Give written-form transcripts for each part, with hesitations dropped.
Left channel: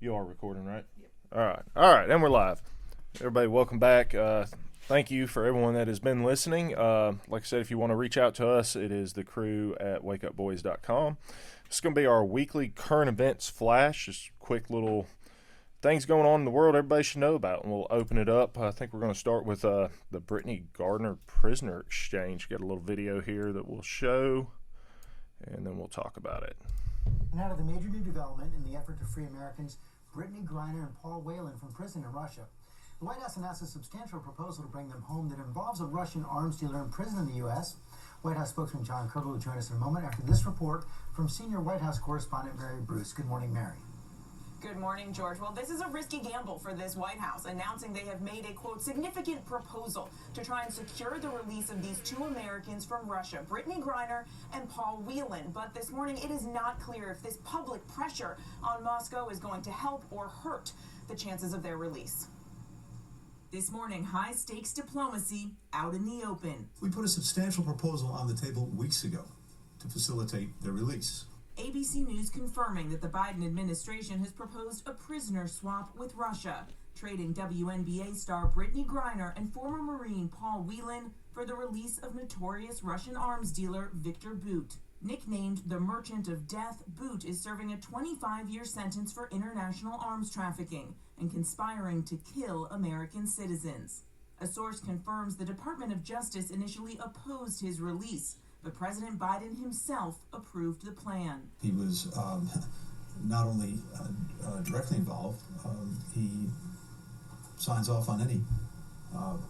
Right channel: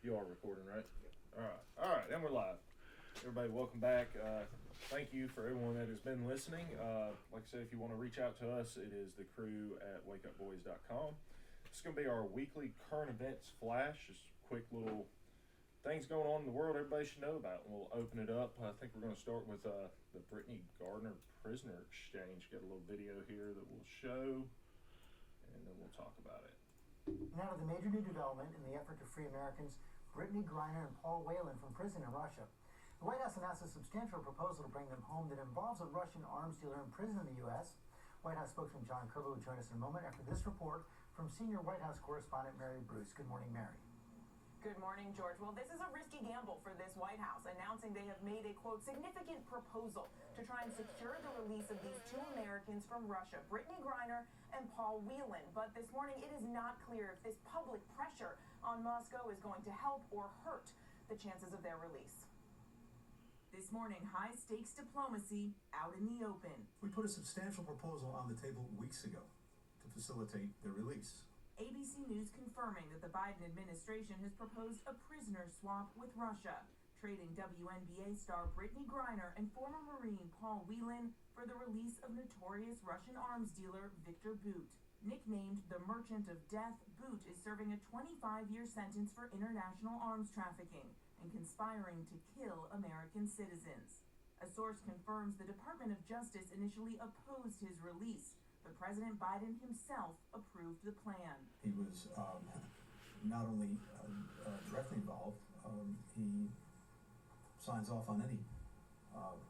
You are recording, right? Yep. All right, and we're live. Everybody, welcome back. Thank you for everyone that has been listening. Like I said, if you want to reach out to us, it is the crew at wakeupboys.com. It's going to be our weekly current events flash, just quick little things going on in the world everybody should know about, and we'll open it up. I think we're going to start with the Brittany Gardner prisoner exchange. Get a little video here that we'll show, and then we'll talk about it. Now to the major new development in the effort to free Americans Brittany Griner and Paul Whelan from prison in Russia. The White House announced a substantial proposal to bring them home that involves a Russian arms dealer in prison in the U.S. White House spokesman John Kirby will join us in a moment after this report from senior White House correspondent Mary Bruce. Good morning, Mary. Good morning, George. Well, this is a risky gamble for this White House, announcing they have made a, quote, significant proposal to try and secure the release of these two Americans from Russia, Brittany Griner and Paul Whelan. But this morning, it is not clear if this public pressure on Moscow is going to help or hurt the chances of their release. This morning, high-stakes diplomacy out in the open. We put a substantial proposal on the table weeks ago to facilitate their release. ABC News confirming that the Biden administration has proposed a prisoner swap with Russia, trading WNBA star Brittany Griner and former Marine Paul Whelan for the release of notorious Russian arms dealer Viktor Bout. Nicknamed the Merchant of Death, Bout is serving a 25-year sentence for international arms trafficking and conspiring to kill American citizens. A source confirms the Department of Justice initially opposed his release, but President Biden himself approved the plan. He was not only directly involved, he signs off on any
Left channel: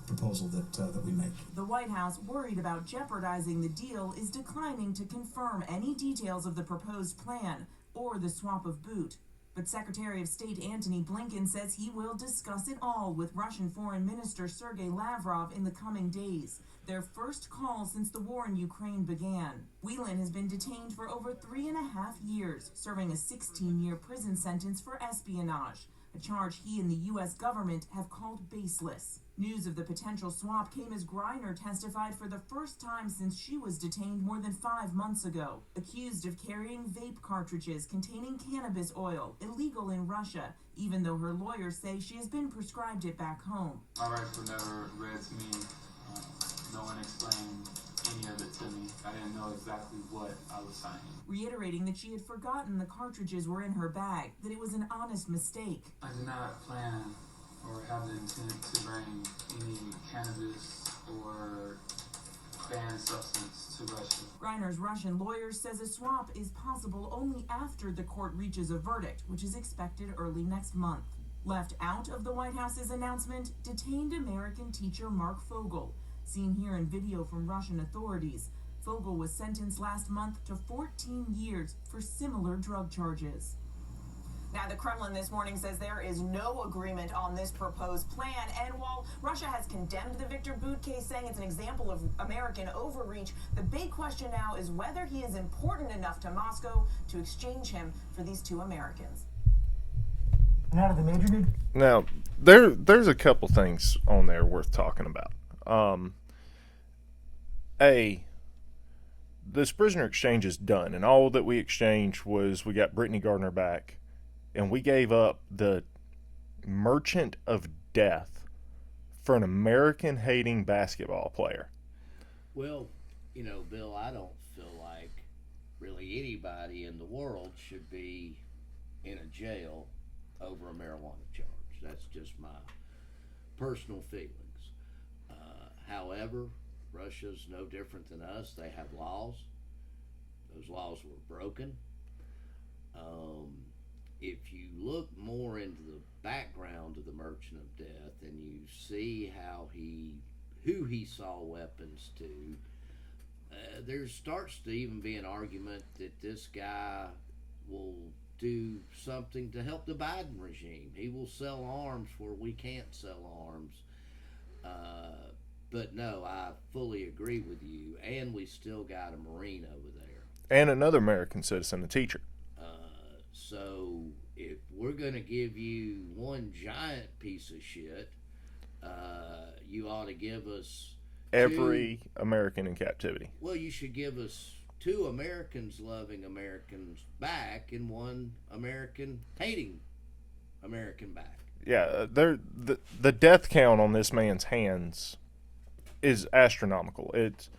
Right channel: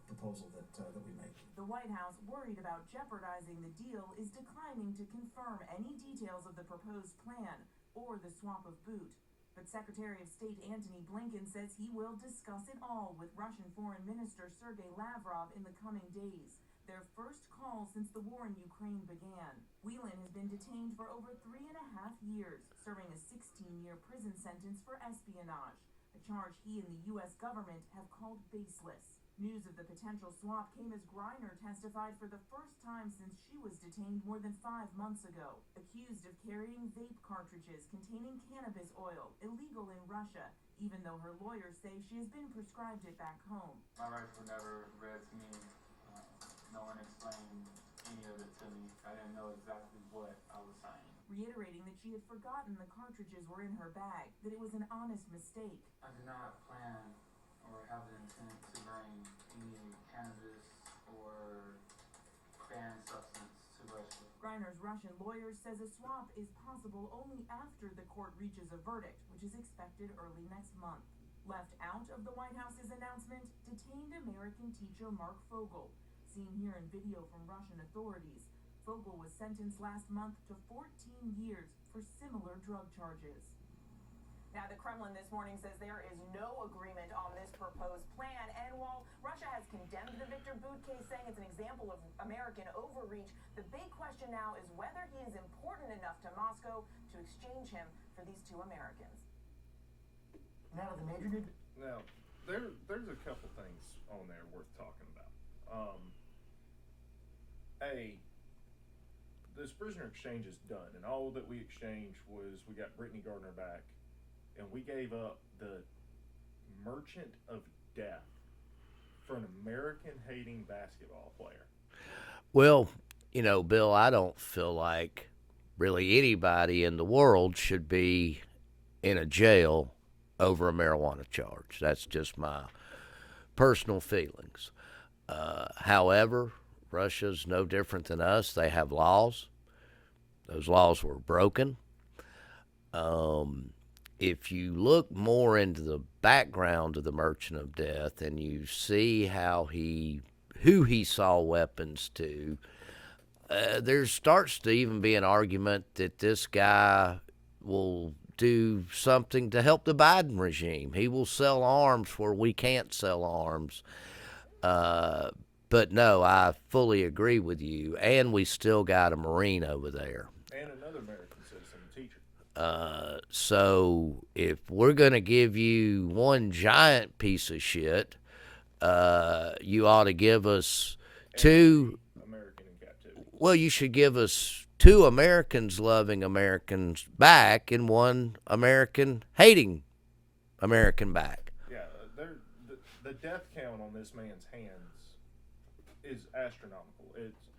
proposal that we make. The White House, worried about jeopardizing the deal, is declining to confirm any details of the proposed plan or the swap of Bout. But Secretary of State Antony Blinken says he will discuss it all with Russian Foreign Minister Sergei Lavrov in the coming days, their first call since the war in Ukraine began. Whelan has been detained for over 3.5 years, serving a 16-year prison sentence for espionage, a charge he and the U.S. government have called baseless. News of the potential swap came as Griner testified for the first time since she was detained more than 5 months ago, accused of carrying vape cartridges containing cannabis oil, illegal in Russia, even though her lawyers say she has been prescribed it back home. My rights were never read to me. No one explained any of it to me. I didn't know exactly what I was signing. Reiterating that she had forgotten the cartridges were in her bag, that it was an honest mistake. I did not plan or have the intent to bring any cannabis or banned substance to Russia. Griner's Russian lawyer says a swap is possible only after the court reaches a verdict, which is expected early next month. Left out of the White House's announcement, detained American teacher Mark Fogel. Seen here in video from Russian authorities, Fogel was sentenced last month to 14 years for similar drug charges. Now, the Kremlin this morning says there is no agreement on this proposed plan, and while Russia has condemned the Viktor Bout case, saying it's an example of American overreach, the big question now is whether he is important enough to Moscow to exchange him for these two Americans. Now to the major new... Now, there's a couple things on there worth talking about. This prisoner exchange is done, and all that we exchanged was we got Brittany Gardner back, and we gave up the Merchant of Death for an American-hating basketball player. Well, you know, Bill, I don't feel like really anybody in the world should be in a jail over a marijuana charge. That's just my personal feelings. However, Russia's no different than us. They have laws. Those laws were broken. If you look more into the background of the Merchant of Death and you see who he saw weapons to, there starts to even be an argument that this guy will do something to help the Biden regime. He will sell arms where we can't sell arms. But no, I fully agree with you. And we still got a Marine over there. And another American citizen, a teacher. So if we're going to give you one giant piece of shit, you ought to give us Every American in captivity. Well, you should give us 2 Americans loving Americans back and 1 American hating American back. Yeah, the death count on this man's hands is astronomical. It's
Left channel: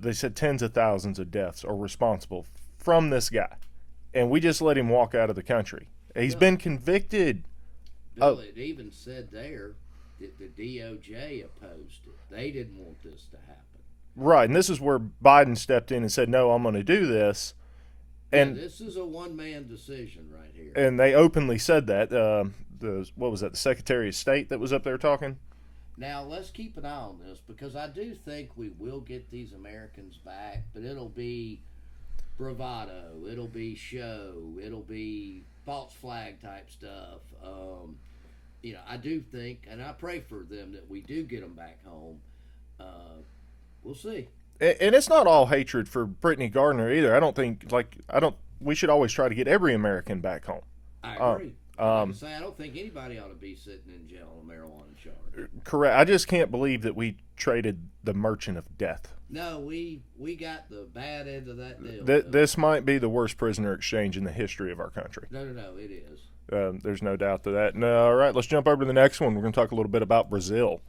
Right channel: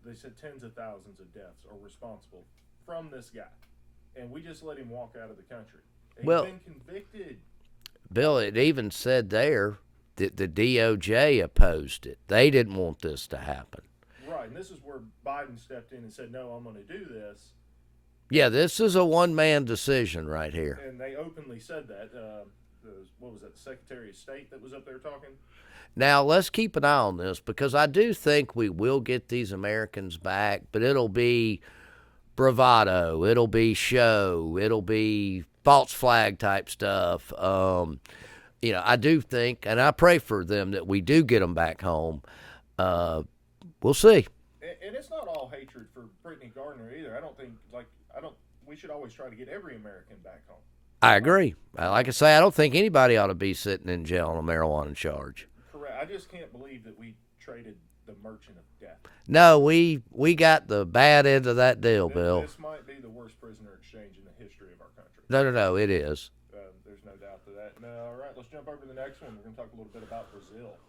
they said tens of thousands of deaths are responsible from this guy, and we just let him walk out of the country. He's been convicted. Bill, it even said there that the DOJ opposed it. They didn't want this to happen. Right, and this is where Biden stepped in and said, "No, I'm going to do this." Yeah, this is a one-man decision right here. And they openly said that. What was that? The Secretary of State that was up there talking. Now, let's keep an eye on this, because I do think we will get these Americans back, but it'll be bravado, it'll be show, it'll be false flag type stuff. I do think, and I pray for them, that we do get them back home. We'll see. And it's not all hatred for Brittany Gardner either. I don't think, we should always try to get every American back home. I agree. Like I say, I don't think anybody ought to be sitting in jail on a marijuana charge. Correct. I just can't believe that we traded the merchant of death. No, we got the bad end of that deal, Bill. This might be the worst prisoner exchange in the history of our country. No, it is. There's no doubt to that. No, all right, let's jump over to the next one. We're going to talk a little bit about Brazil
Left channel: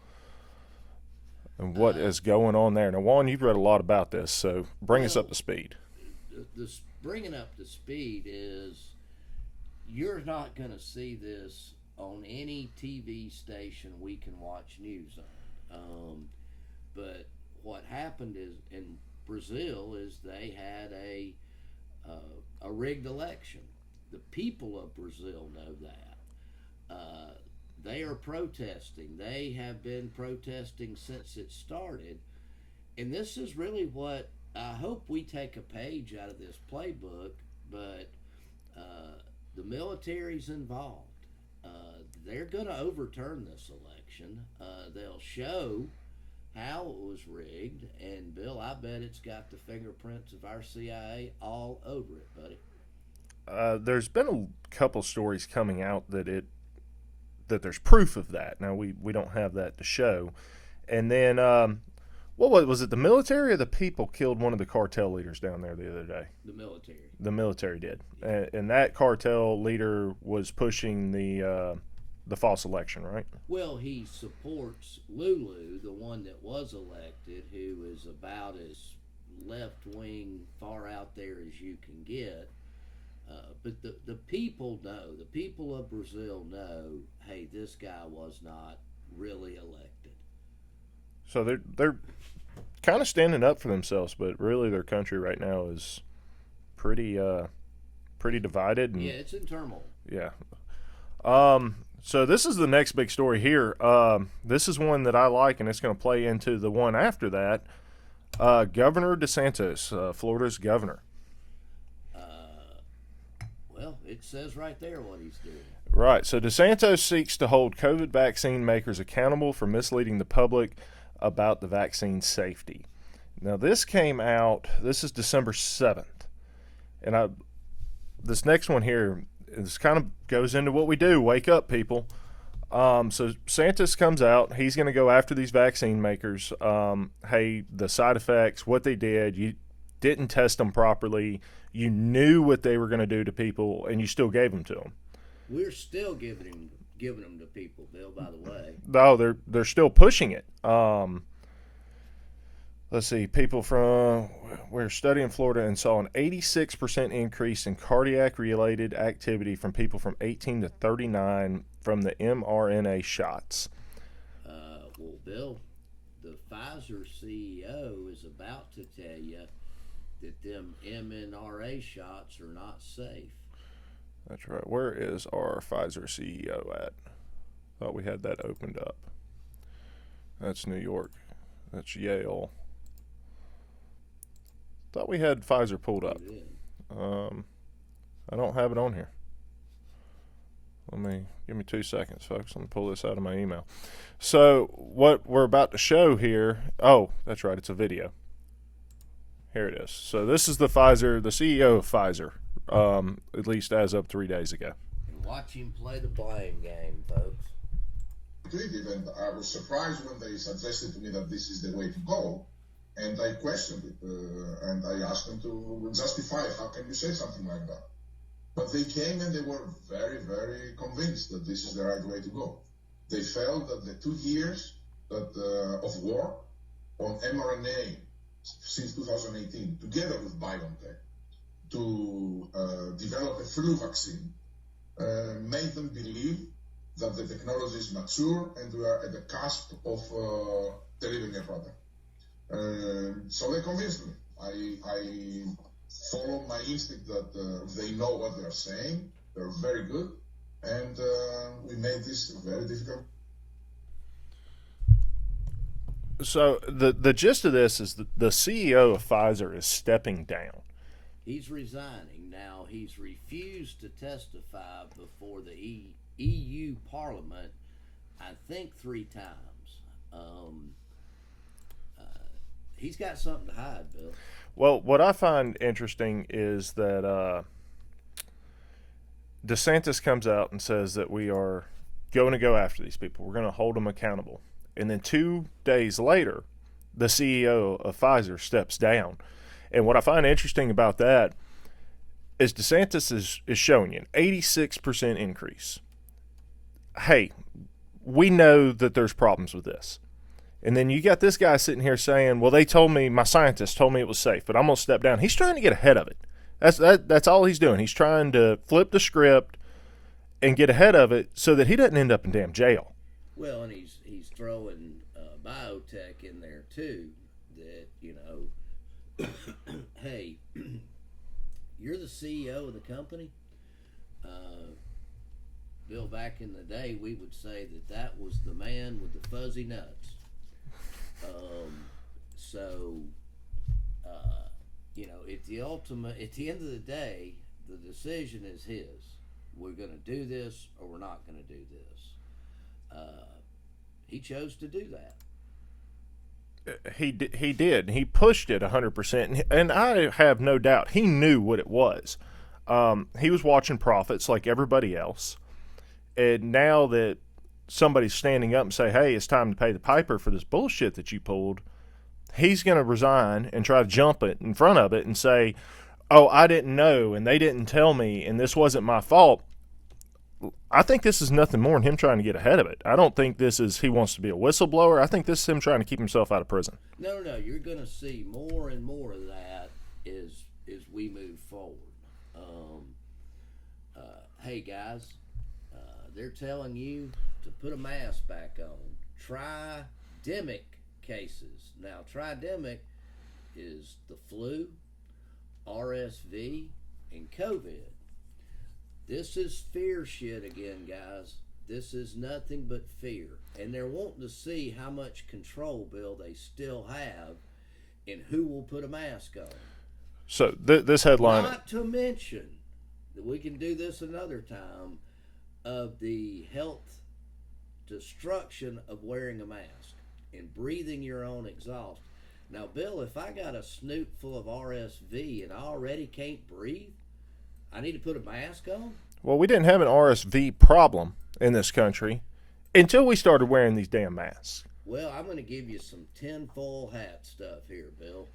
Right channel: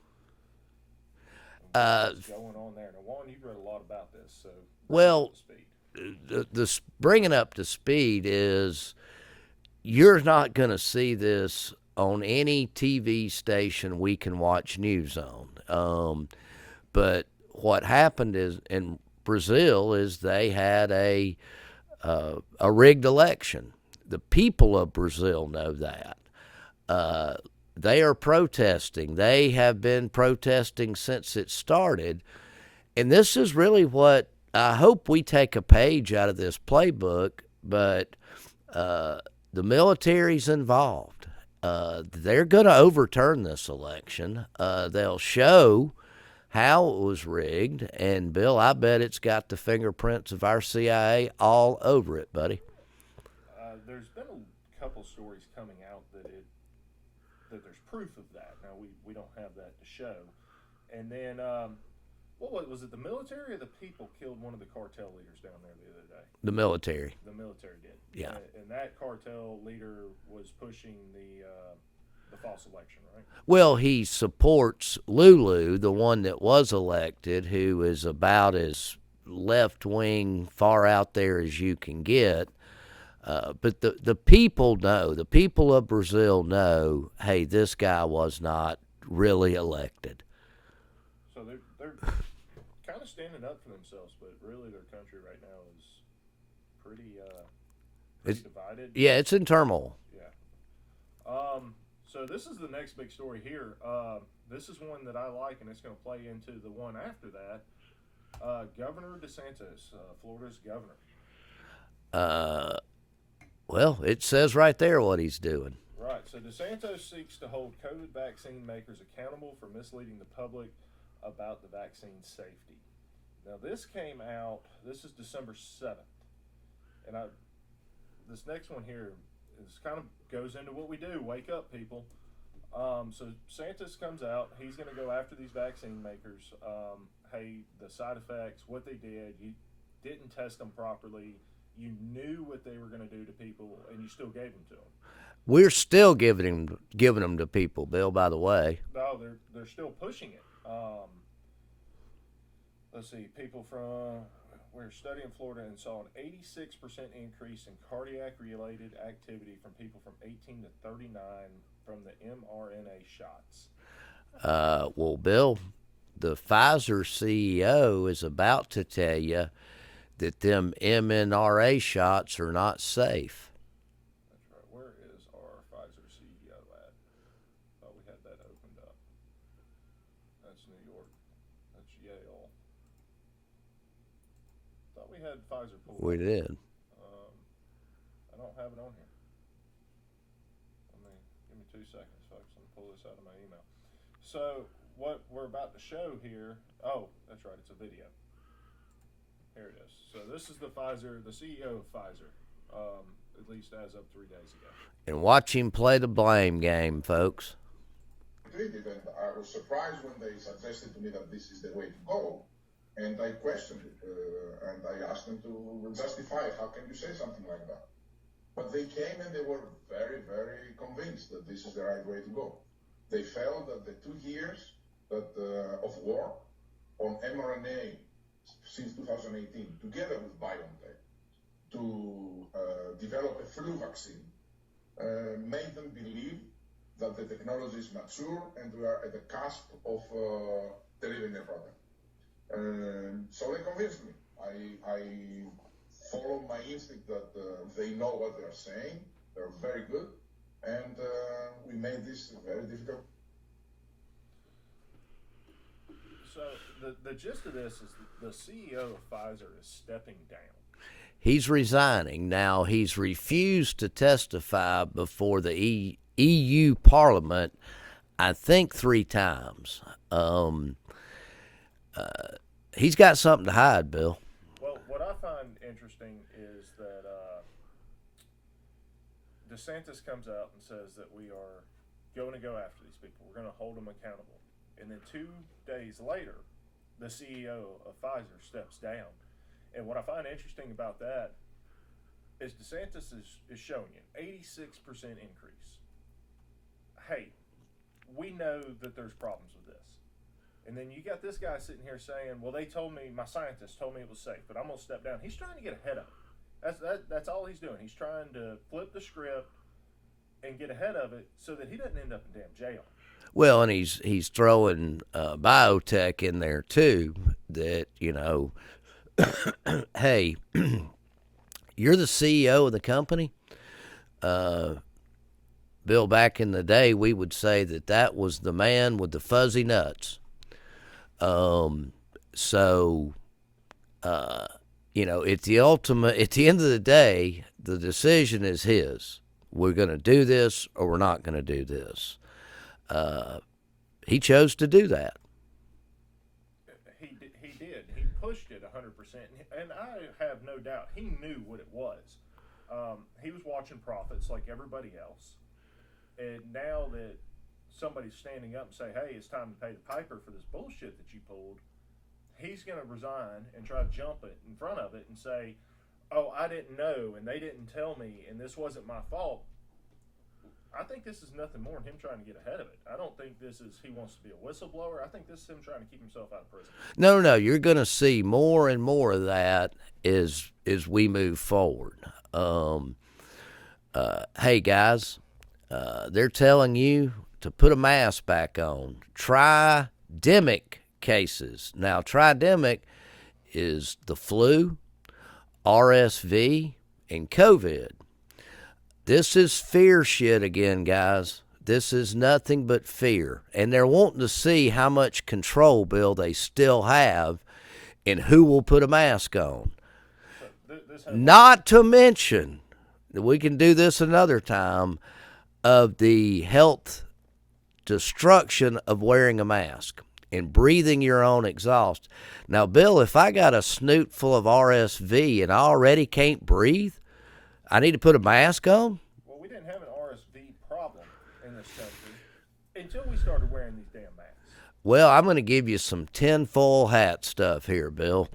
and what is going on there. Now, Juan, you've read a lot about this, so bring us up to speed. The bringing up to speed is, you're not going to see this on any TV station we can watch news on. But what happened is in Brazil is they had a rigged election. The people of Brazil know that. They are protesting. They have been protesting since it started. And this is really what I hope we take a page out of this playbook, but the military's involved. They're going to overturn this election. They'll show how it was rigged, and Bill, I bet it's got the fingerprints of our CIA all over it, buddy. There's been a couple stories coming out that there's proof of that. Now we don't have that to show. And then what was it? The military or the people killed one of the cartel leaders down there the other day? The military. The military did. Yeah. And that cartel leader was pushing the false election, right? Well, he supports Lulu, the one that was elected, who is about as left-wing, far out there as you can get. But the people know, the people of Brazil know, hey, this guy was not really elected. So they're kind of standing up for themselves, but really their country right now is pretty divided. Yeah, it's in turmoil. Yeah. So this is the next big story here. This is one that I like, and it's going to play into the one after that. Governor DeSantis, Florida's governor. Well, it says right there what he's doing. Right. So DeSantis seeks to hold COVID vaccine makers accountable for misleading the public about the vaccine safety. Now, this came out, this is December 7th. And this next one here, this kind of goes into what we do, wake up, people. So DeSantis comes out, he's going to go after these vaccine makers. Hey, the side effects, what they did, you didn't test them properly, you knew what they were going to do to people, and you still gave them to them. We're still giving them to people, Bill, by the way. No, they're still pushing it. Let's see, we're studying Florida and saw an 86% increase in cardiac-related activity from people from 18 to 39 from the mRNA shots. Well, Bill, the Pfizer CEO is about to tell you that them mRNA shots are not safe. That's right. Where is our Pfizer CEO at? Thought we had that opened up. That's New York. That's Yale. Thought we had Pfizer pulled up. We did. I don't have it on here. Give me 2 seconds, folks. Let me pull this out of my email. So what we're about to show here, oh, that's right, it's a video. Here it is. So this is the CEO of Pfizer, at least as of 3 days ago. And watch him play the blame game, folks. And I was surprised when they suggested to me that this is the way to go, and I questioned it, and I asked them to justify it. How can you say something like that? But they came and they were very, very convinced that this is the right way to go. They felt that the 2 years of war on mRNA since 2018, together with BioNTech, to develop a flu vaccine, made them believe that the technology is mature and we are at the cusp of delivering a product. So they convinced me. I follow my instinct that they know what they're saying. They're very good. And we made this very difficult. So the gist of this is the CEO of Pfizer is stepping down. He's resigning. Now, he's refused to testify before the EU Parliament, I think 3 times. He's got something to hide, Bill. Well, what I find interesting is that DeSantis comes out and says that we are going to go after these people. We're going to hold them accountable. And then 2 days later, the CEO of Pfizer steps down. And what I find interesting about that is DeSantis is showing you an 86% increase. Hey, we know that there's problems with this. And then you got this guy sitting here saying, well, they told me, my scientists told me it was safe, but I'm going to step down. He's trying to get ahead of it. That's all he's doing. He's trying to flip the script and get ahead of it so that he doesn't end up in damn jail. Well, and he's throwing biotech in there too. That, you know, hey, you're the CEO of the company. Bill, back in the day, we would say that was the man with the fuzzy nuts. You know, at the end of the day, the decision is his. We're going to do this or we're not going to do this. He chose to do that. He did. He pushed it 100%, and I have no doubt he knew what it was. He was watching profits like everybody else, and now that somebody's standing up and say, hey, it's time to pay the piper for this bullshit that you pulled, he's going to resign and try to jump it in front of it and say, oh, I didn't know, and they didn't tell me, and this wasn't my fault. I think this is nothing more than him trying to get ahead of it. I don't think this is he wants to be a whistleblower. I think this is him trying to keep himself out of prison. No. You're going to see more and more of that as we move forward. Hey, guys, they're telling you to put a mask back on. Tridemic cases. Now, tridemic is the flu, RSV, and COVID. This is fear shit again, guys. This is nothing but fear. And they're wanting to see how much control, Bill, they still have and who will put a mask on. So this headline... Not to mention, we can do this another time, of the health destruction of wearing a mask and breathing your own exhaust. Now, Bill, if I got a snoot full of RSV and I already can't breathe, I need to put a mask on? Well, we didn't have an RSV problem in this country until we started wearing these damn masks. Well, I'm going to give you some tinfoil hat stuff here, Bill.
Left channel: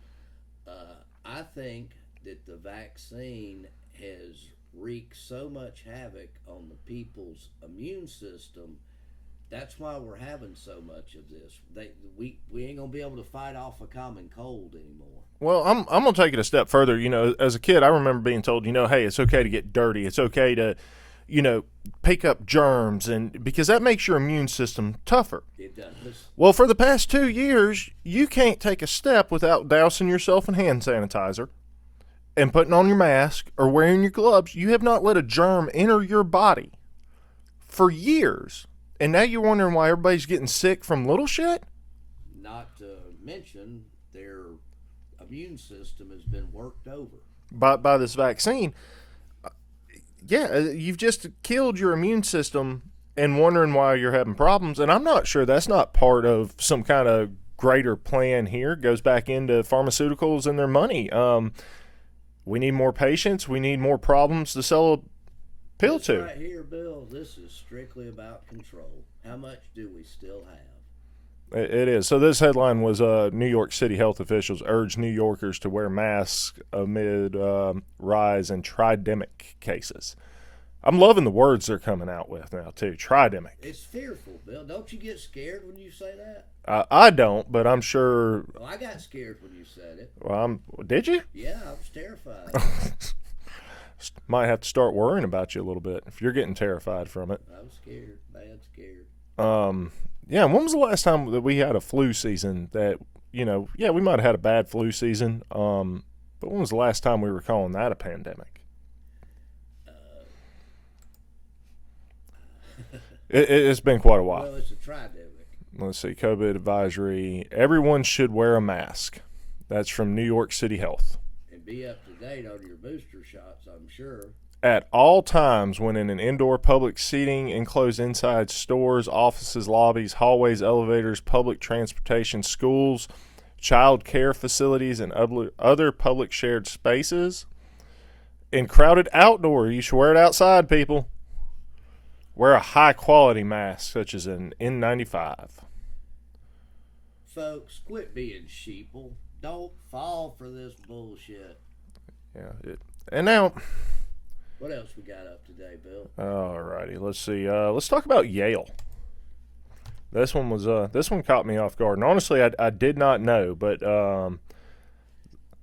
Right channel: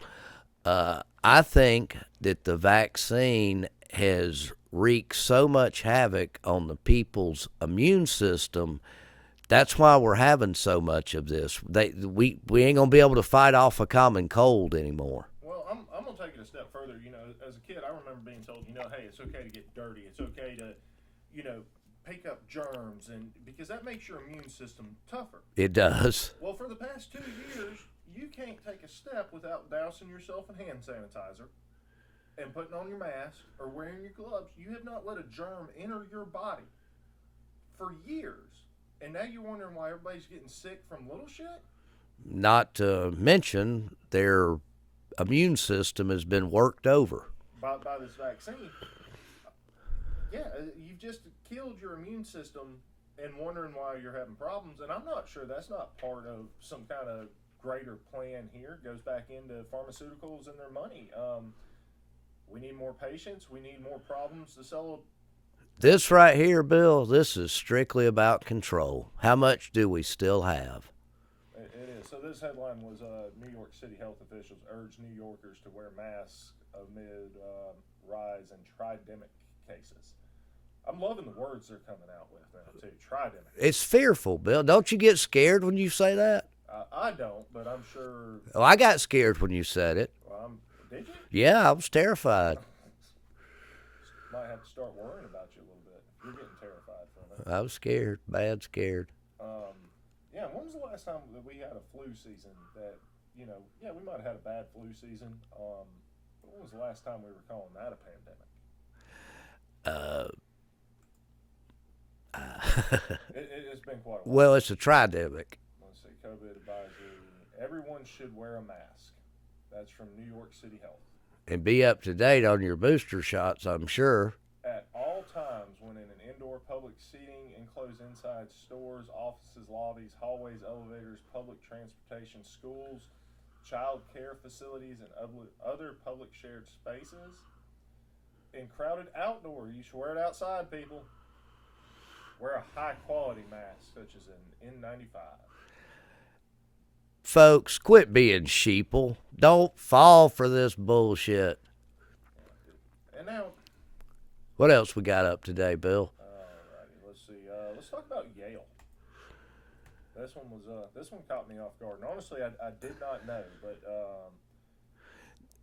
I think that the vaccine has wreaked so much havoc on the people's immune system. That's why we're having so much of this. We ain't gonna be able to fight off a common cold anymore. Well, I'm gonna take it a step further. You know, as a kid, I remember being told, hey, it's okay to get dirty. It's okay to, pick up germs, and because that makes your immune system tougher. It does. Well, for the past 2 years, you can't take a step without dousing yourself in hand sanitizer and putting on your mask or wearing your gloves. You have not let a germ enter your body for years. And now you're wondering why everybody's getting sick from little shit? Not to mention their immune system has been worked over. By this vaccine. Yeah, you've just killed your immune system and wondering why you're having problems. And I'm not sure that's not part of some kind of greater plan here. It goes back into pharmaceuticals and their money. We need more patients. We need more problems to sell This right here, Bill, this is strictly about control. How much do we still have? It is. So this headline was New York City health officials urge New Yorkers to wear masks amid rise in tridemic cases. I'm loving the words they're coming out with now, too. Tridemic. It's fearful, Bill. Don't you get scared when you say that? I don't, but I'm sure. Oh, I got scared when you said it. Well, did you? Yeah, I was terrified. Might have to start worrying about you a little bit if you're getting terrified from it. I was scared, bad scared. Yeah, when was the last time that we had a flu season that, yeah, we might have had a bad flu season, but when was the last time we were calling that a pandemic? It's been quite a while. Well, it's a tridemic. Let's see, COVID advisory. Everyone should wear a mask. That's from New York City Health. And be up to date on your booster shots, I'm sure. At all times when in an indoor public seating, enclosed inside stores, offices, lobbies, hallways, elevators, public transportation, schools, child care facilities, and other public shared spaces. In crowded outdoor, you should wear it outside, people. Wear a high-quality mask, such as an N95. Folks, quit being sheeple. Don't fall for this bullshit. Yeah. And now, what else we got up today, Bill? all righty. Let's see. Let's talk about Yale. This one caught me off guard. And honestly, I did not know, but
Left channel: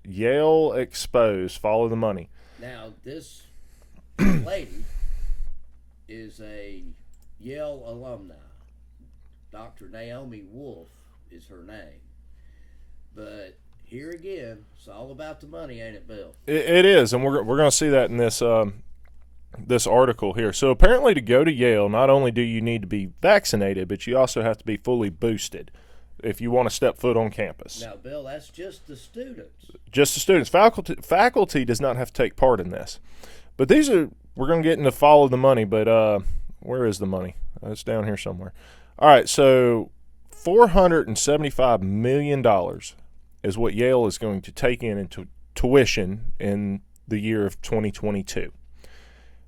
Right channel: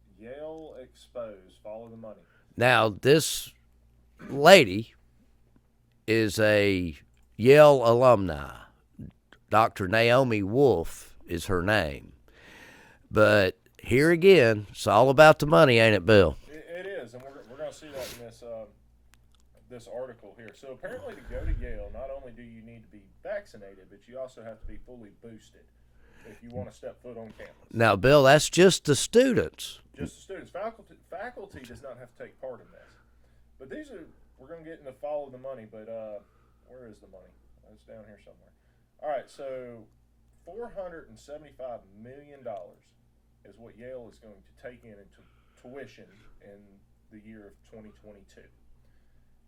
Yale exposed. Follow the money. Now, this lady is a Yale alumni. Dr. Naomi Wolf is her name. But here again, it's all about the money, ain't it, Bill? It is, and we're going to see that in this article here. So apparently to go to Yale, not only do you need to be vaccinated, but you also have to be fully boosted if you want to step foot on campus. Now, Bill, that's just the students. Just the students. Faculty does not have to take part in this. But we're going to get into follow the money, but where is the money? It's down here somewhere. All right, so $475 million is what Yale is going to take into tuition in the year of 2022.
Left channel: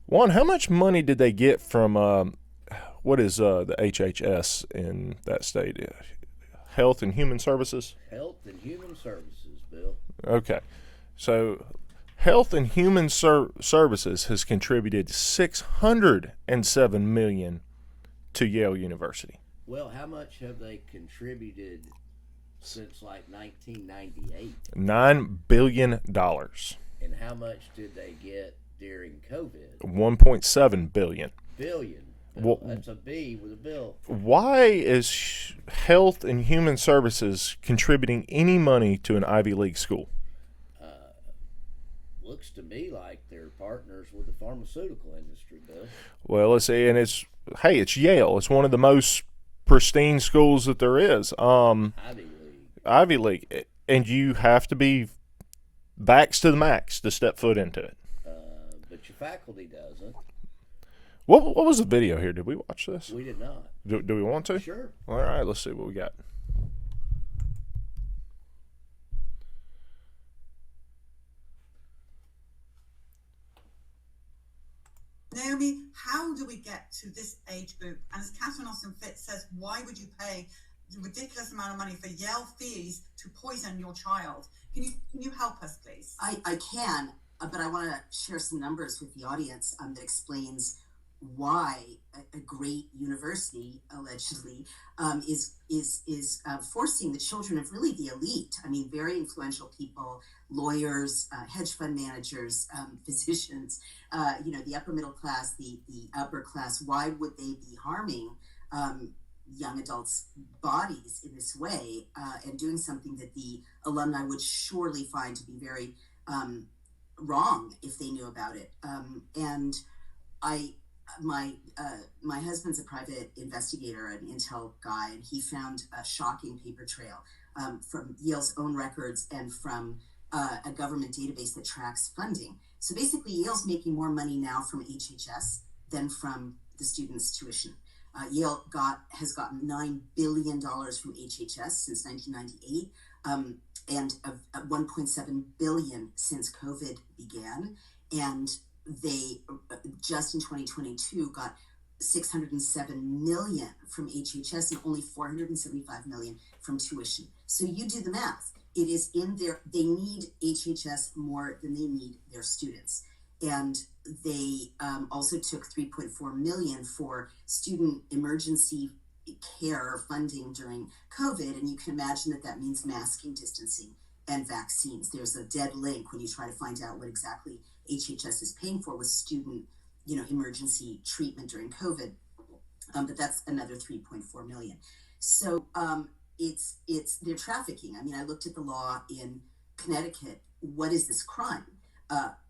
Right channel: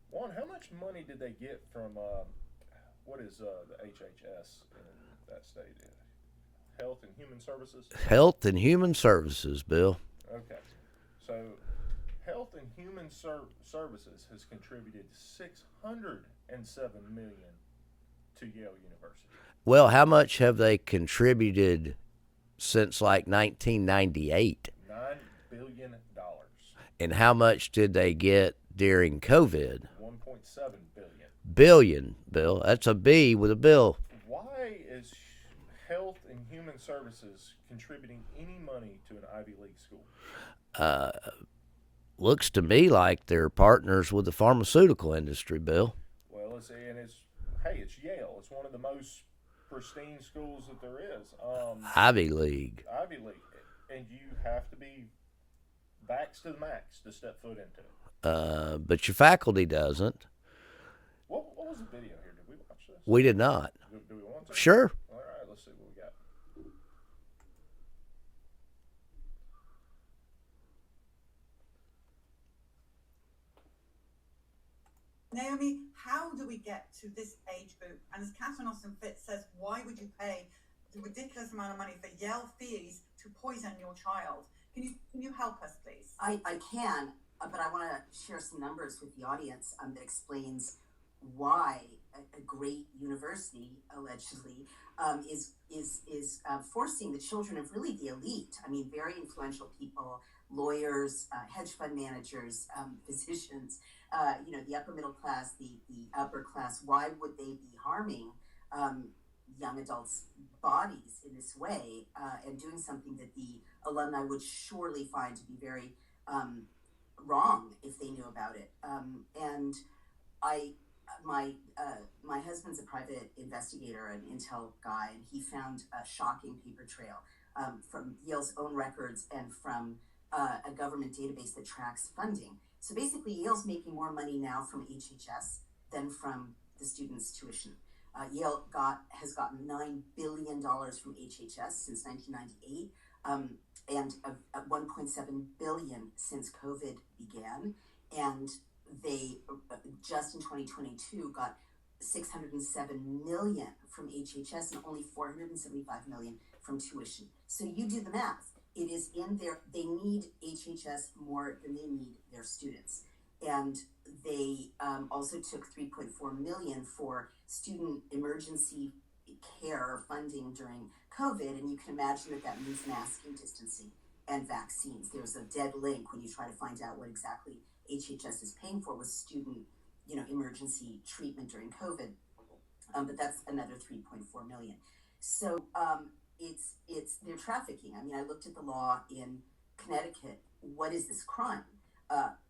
One, how much money did they get from what is the HHS in that state? Health and Human Services? Health and Human Services, Bill. Okay. So Health and Human Services has contributed $607 million to Yale University. Well, how much have they contributed since like 1998? $9 billion. And how much did they get during COVID? $1.7 billion. Billion, Bill. That's a B with a bill. Why is Health and Human Services contributing any money to an Ivy League school? Looks to me like they're partners with the pharmaceutical industry, Bill. Well, let's see, and it's Yale. It's one of the most pristine schools that there is. Ivy League. Ivy League. And you have to be vaxxed to the max to step foot into it. But your faculty doesn't. What was the video here? Did we watch this? We did not. Do we want to? Sure. All right, let's see what we got. Naomi, how do we get to this age group? And as Catherine Austin Fitz says, why would you pay the ridiculous amount of money for Yale fees to poison your child? Can you help us, please? I can, but I want to share some numbers with the audience that explains why a great university allegedly is forcing the children of really the elite. I mean, very influential people, lawyers, hedge fund managers, physicians, the upper middle class, the upper class. Why would they be harming young adults' bodies in this way and doing something that the alumni would surely find to be very wrong if they knew about it? And my husband's a private investigator, an intel guy, and he found a shocking paper trail from Yale's own records and from a government database that tracks funding. So basically, Yale's making more money now from HHS than from the students' tuition. Yale has gotten $9 billion from HHS since 1998, and $1.7 billion since COVID began. And they just in 2022 got 607 million from HHS and only 475 million from tuition. So you do the math. It is in there. They need HHS more than they need their students. And they also took 3.4 million for student emergency care funding during COVID. And you can imagine that means masking, distancing, and vaccines. There's a dead link when you try to find out what exactly HHS is paying for with student, emergency treatment during COVID. But that's another 3.4 million. So it's they're trafficking. I mean, I looked at the law in Connecticut. What is this crime?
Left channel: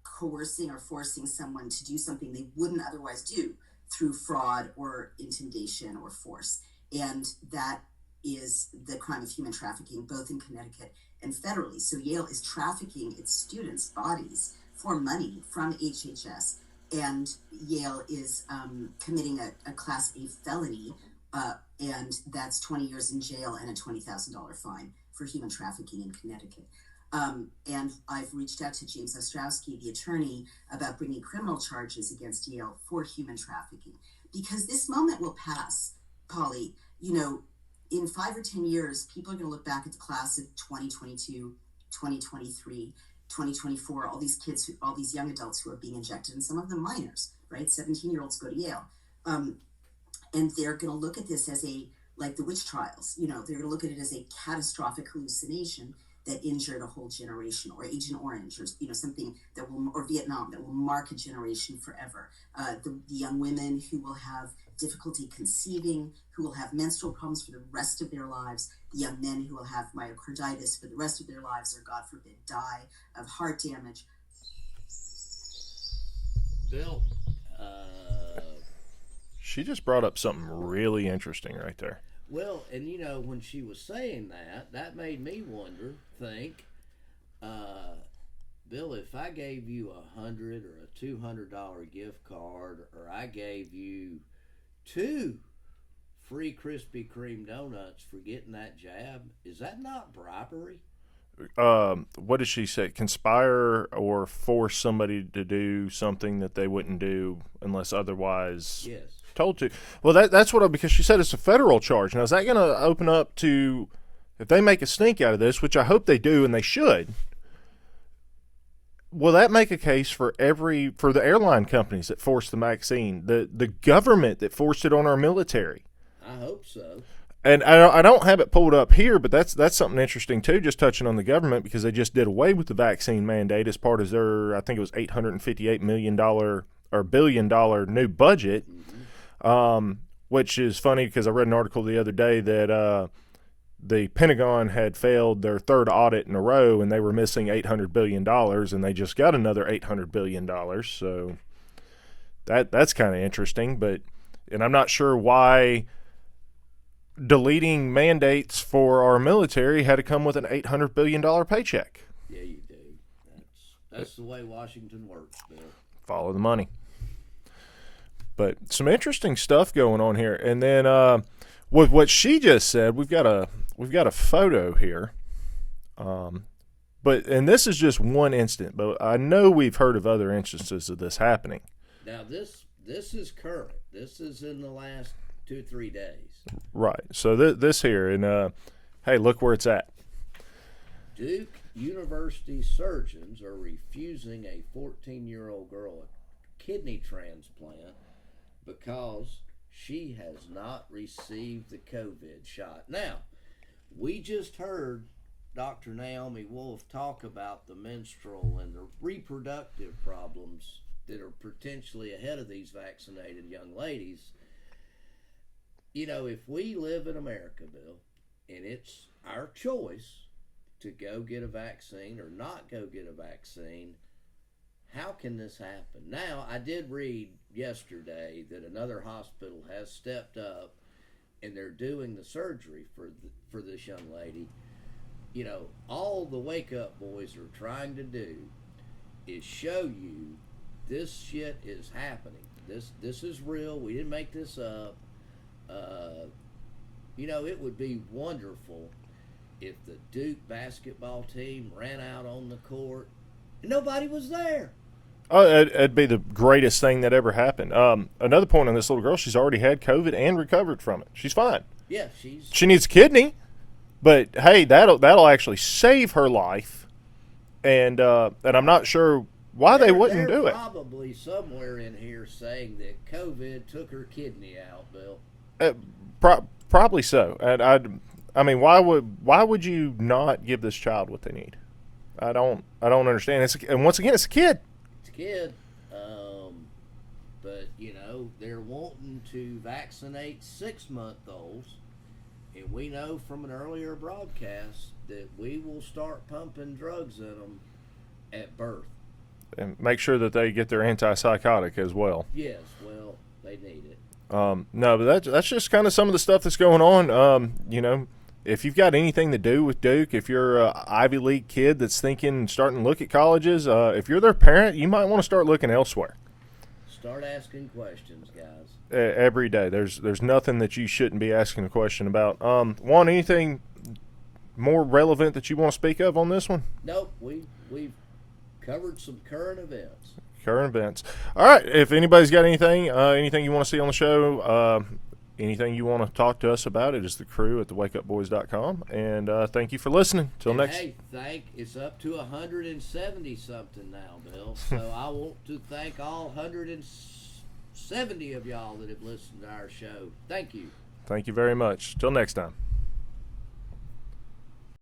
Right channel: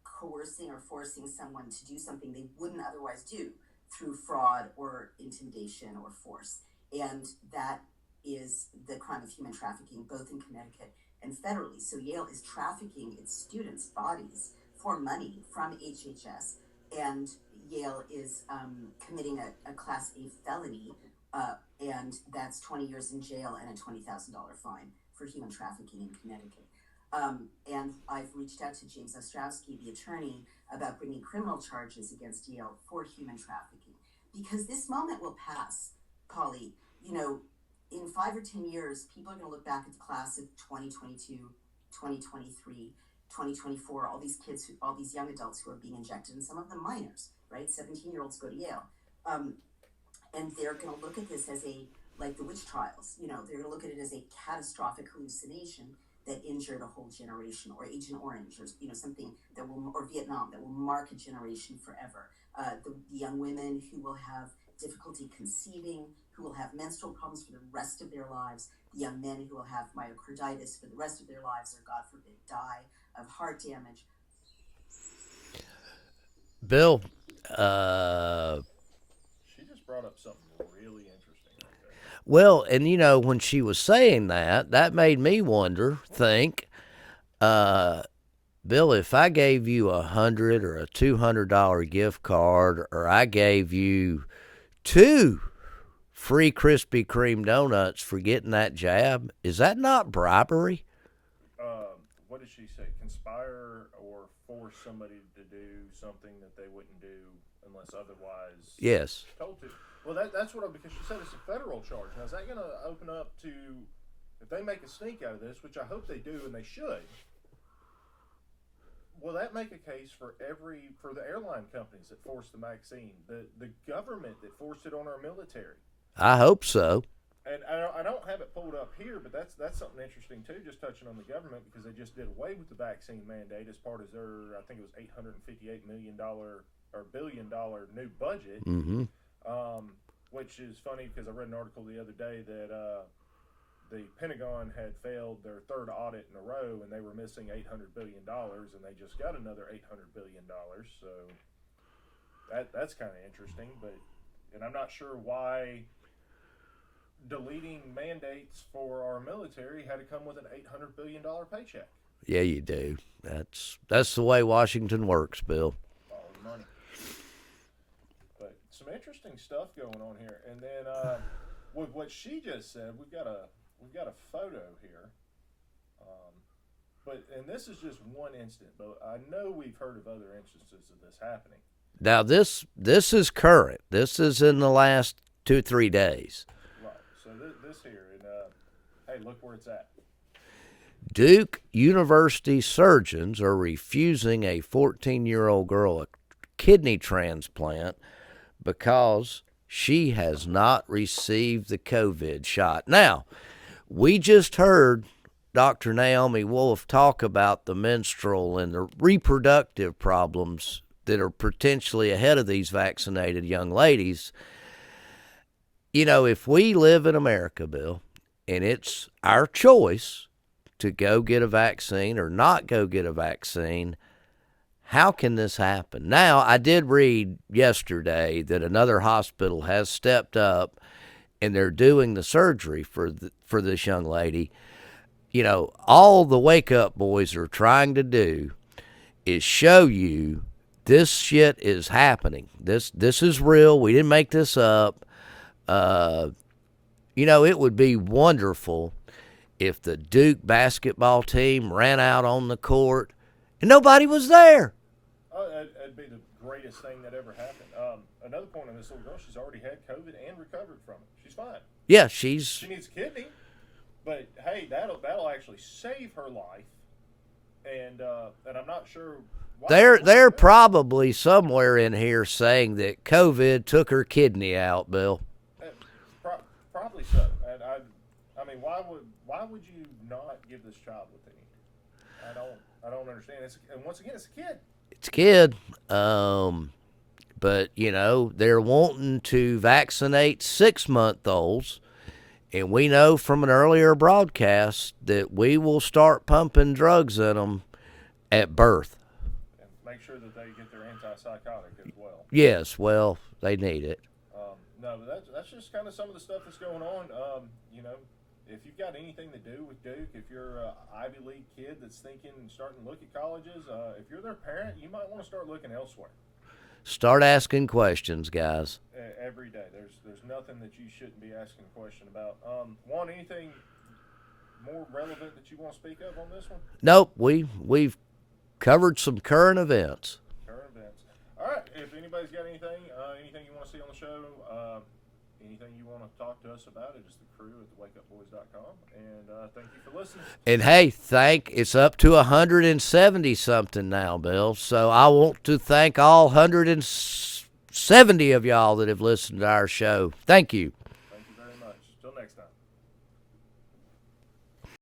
Coercing or forcing someone to do something they wouldn't otherwise do through fraud or intimidation or force. And that is the crime of human trafficking, both in Connecticut and federally. So Yale is trafficking its students' bodies for money from HHS. And Yale is committing a Class A felony, and that's 20 years in jail and a $20,000 fine for human trafficking in Connecticut. And I've reached out to James Ostrowski, the attorney, about bringing criminal charges against Yale for human trafficking. Because this moment will pass, Polly. In 5 or 10 years, people are going to look back at the class of 2022, 2023, 2024, all these kids, all these young adults who are being injected, and some of them minors, right? 17-year-olds go to Yale. And they're going to look at this as like the witch trials, they're going to look at it as a catastrophic hallucination that injured a whole generation, or Agent Orange, or something that will, or Vietnam, that will mark a generation forever. The young women who will have difficulty conceiving, who will have menstrual problems for the rest of their lives, the young men who will have myocarditis for the rest of their lives, or God forbid, die of heart damage. Bill, she just brought up something really interesting right there. Well, and when she was saying that made me think, Bill, if I gave you $100 or a $200 gift card, or I gave you 2 free Krispy Kreme donuts for getting that jab, is that not bribery? What did she say? Conspire or force somebody to do something that they wouldn't do unless otherwise told to. Well, that's because she said it's a federal charge. Now, is that going to open up to, if they make a stink out of this, which I hope they do and they should, will that make a case for the airline companies that forced the vaccine, the government that forced it on our military? I hope so. And I don't have it pulled up here, but that's something interesting too, just touching on the government, because they just did away with the vaccine mandate as part of their, I think it was $858 million or $1 billion new budget, which is funny because I read an article the other day that the Pentagon had failed their 3rd audit in a row, and they were missing $800 billion, and they just got another $800 billion. So that's kind of interesting, and I'm not sure why deleting mandates for our military had to come with an $800 billion paycheck. Yeah, you do. That's the way Washington works, Bill. Follow the money. But some interesting stuff going on here. And then with what she just said, we've got a photo here. And this is just one instant, but I know we've heard of other instances of this happening. Now this is current. This is in the last 2-3 days. Right. So this here, and hey, look where it's at. Duke University surgeons are refusing a 14-year-old girl a kidney transplant because she has not received the COVID shot. Now, we just heard Dr. Naomi Wolf talk about the menstrual and the reproductive problems that are potentially ahead of these vaccinated young ladies. If we live in America, Bill, and it's our choice to go get a vaccine or not go get a vaccine, how can this happen? Now, I did read yesterday that another hospital has stepped up and they're doing the surgery for this young lady. All the Wakeup boys are trying to do is show you this shit is happening. This is real. We didn't make this up. It would be wonderful if the Duke basketball team ran out on the court and nobody was there. Oh, it'd be the greatest thing that ever happened. Another point on this little girl, she's already had COVID and recovered from it. She's fine. Yeah, She needs a kidney, but hey, that'll actually save her life. And I'm not sure why they're probably somewhere in here saying that COVID took her kidney out, Bill. Probably so. And I mean, why would you not give this child what they need? I don't understand. And once again, it's a kid. It's a kid. But you know, they're wanting to vaccinate 6-month-olds, and we know from an earlier broadcast that we will start pumping drugs in them at birth. And make sure that they get their antipsychotic as well. Yes, well, they need it. No, but that's just kind of some of the stuff that's going on. You know, if you've got anything to do with Duke, if you're an Ivy League kid that's starting to look at colleges, if you're their parent, you might want to start looking elsewhere. Start asking questions, guys. Every day. There's nothing that you shouldn't be asking a question about. Juan, anything more relevant that you want to speak of on this one? Nope. We've covered some current events. Current events. All right. If anybody's got anything you want to see on the show, anything you want to talk to us about, it is the crew at thewakeupboys.com. And thank you for listening. And hey, it's up to 170 something now, Bill. So I want to thank all 170 of y'all that have listened to our show. Thank you. Thank you very much. Till next time.